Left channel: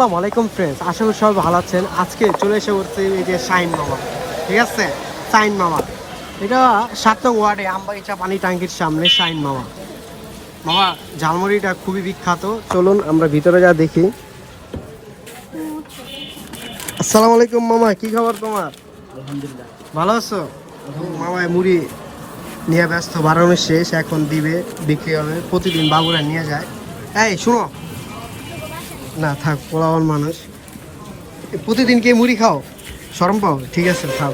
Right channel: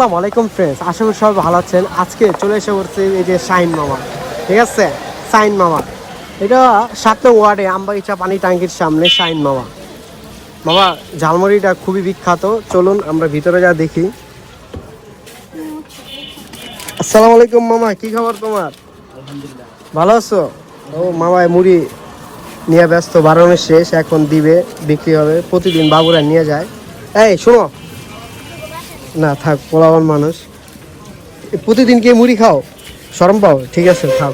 আসসালামু আলাইকুম ফ্রেন্ডস আশা করি সবাই ভালো আছেন। আজকে চলে এসে করছি এই যে সাইন মামা ঠিক আছে? সাইন মামা এটা সাত ওয়ার্ডে আমবাগিচা পানি ট্যাঙ্কির সামনে সাইন মামা মামা ঝালমুড়িটা খুবই বিখ্যাত। চলুন আমরা ভিতরে যা দেখি। আসসালামু আলাইকুম মামা কি খবর তোমার? আলহামদুলিল্লাহ। ভালো আছো? ও মামা মুড়ি নিয়ে ব্যস্ত বারণের শেষ এখন দিবে বিক্রি হবে। প্রতিদিন বাবুরা নিয়ে যায়। এই শোনো না থাক পোলাওয়ান মানুষ। প্রতিদিন কি মুড়ি খাও? শরম পাও? ঠিক আছে খাও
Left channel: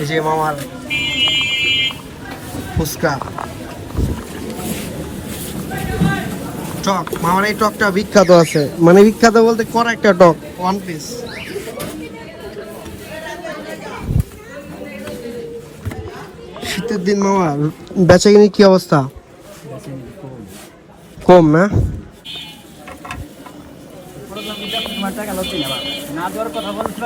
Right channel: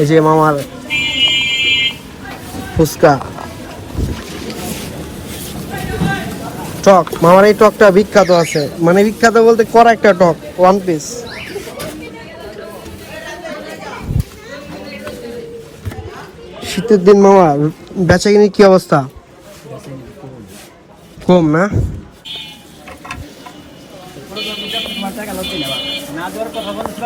এই যে মামার ফুচকা। টক মামার এই টকটা বিখ্যাত আছে। মানে বিখ্যাত বলতে করা একটা টক ওয়ান পিস শীতের দিন মামা বেচা কিনে কি অবস্থা? কম না? তোমার টাকা লতে নেবা না দেওয়ার কথা বলতে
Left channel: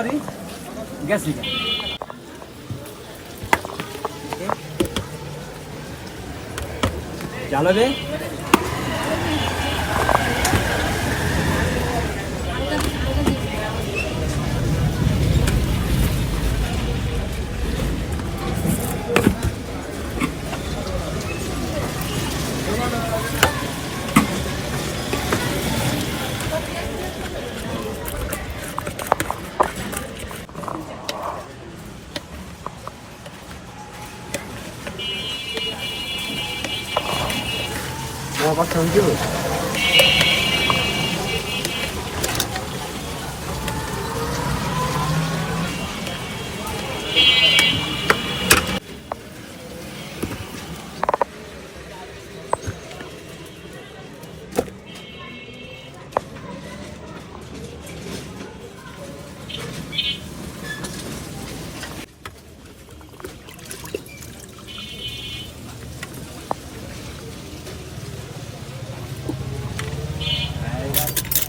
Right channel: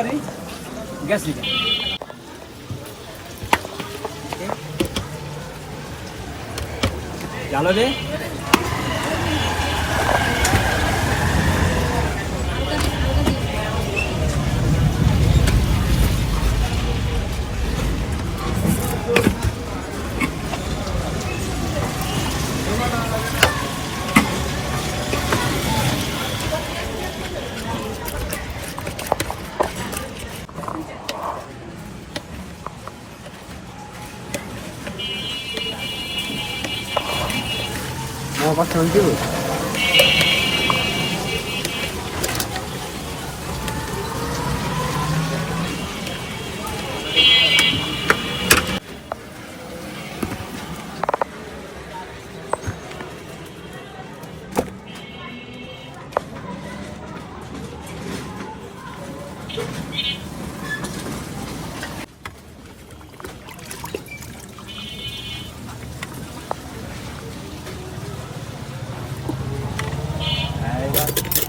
আমার চলছে that.